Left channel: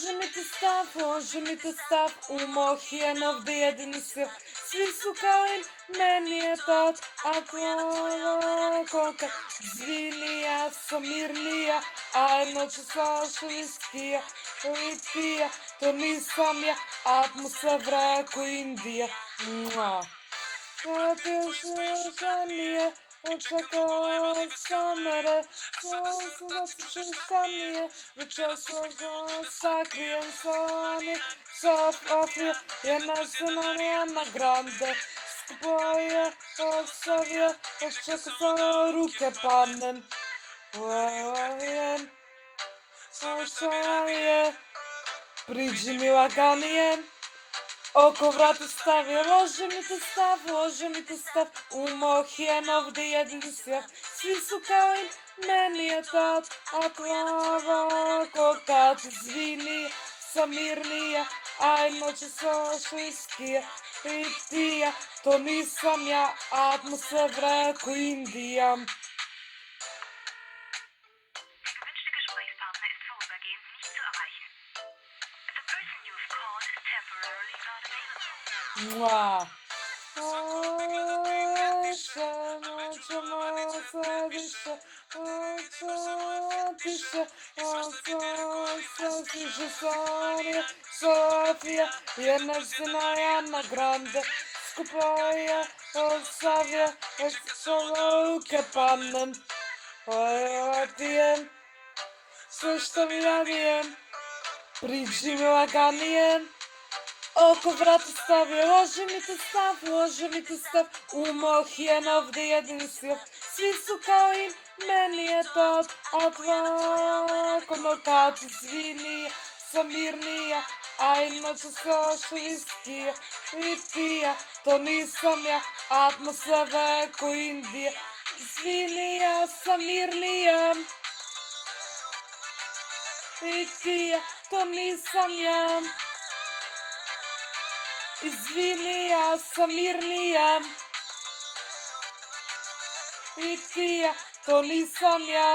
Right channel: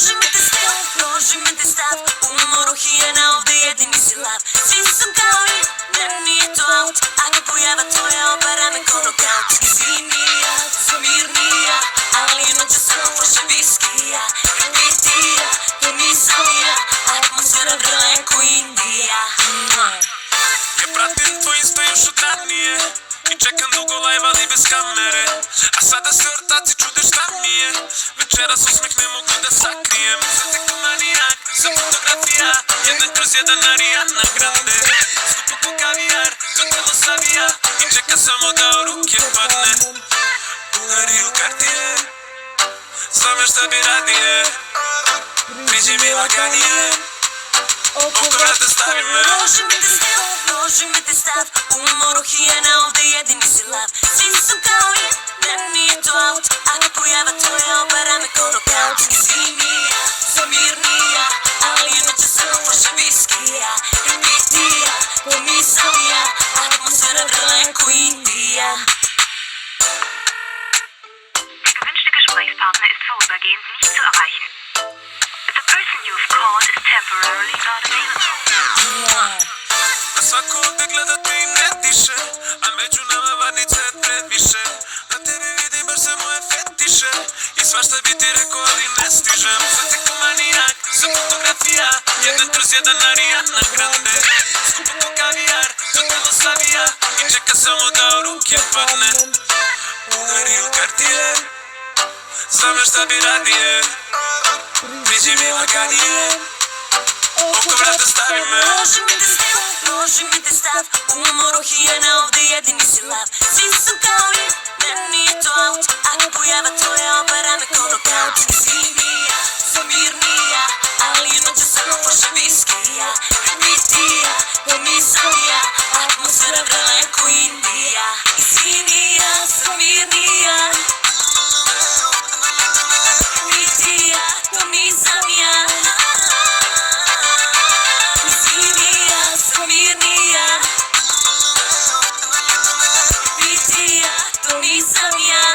Loži mi te stav, u mojih je ovdje jedini si lav. Svi su kao i meni je to, a pojava tvoja obara me ko nokaut. Zimnija, sam mirnija, ali noćas lože viskija. Litija, to nisam ja, atmosfera vraja ko Indija. Ja pratim tvoj Insta još od ranije i čekam dugo live ali bez kamere. A sada se ortaci čude šta mi je, večeras osmeh ne mogu da sakrijem. Sve tek manijak, za fotografija, 1/1 Ariana Grande. Skupi po kavijar, kako savija i čeka samo da u ruke padne. Uvari u Cartier, znam još šta bi radije, priđi mi laganije. Oko vrata stavio, loži mi te stav, u mojih je ovdje jedini si lav. Svi su kao i meni je to, a pojava tvoja obara me ko nokaut. Zimnija, sam mirnija, ali noćas lože viskija. Litija, to nisam ja, atmosfera vraja ko Indija. Der gewünschte Gesprächspartner ist vorübergehend nicht zu erreichen. The person you've called is temporarily not available. Na svako ovdje gledate i ne diše, a među nama varnice je previše. Na tebi vidim baš se moje fetiše i svašta bi ti rekao ali ne stižem. Sad tek manijak, za fotografija, 1/1 Ariana Grande. Skupi po kavijar, kako savija i čeka samo da u ruke padne. Uvari u Cartier, znam još šta bi radije, priđi mi laganije. Oko vrata stavio, loži mi te stav, u mojih je ovdje jedini si lav. Svi su kao i meni je to, a pojava tvoja obara me ko nokaut. Zimnija, sam mirnija, ali noćas lože viskija. Litija, to nisam ja, atmosfera vraja ko Indija. Zimnija, sam mirnija, litija, to nisam ja. Zimnija, sam mirnija, litija, to nisam ja.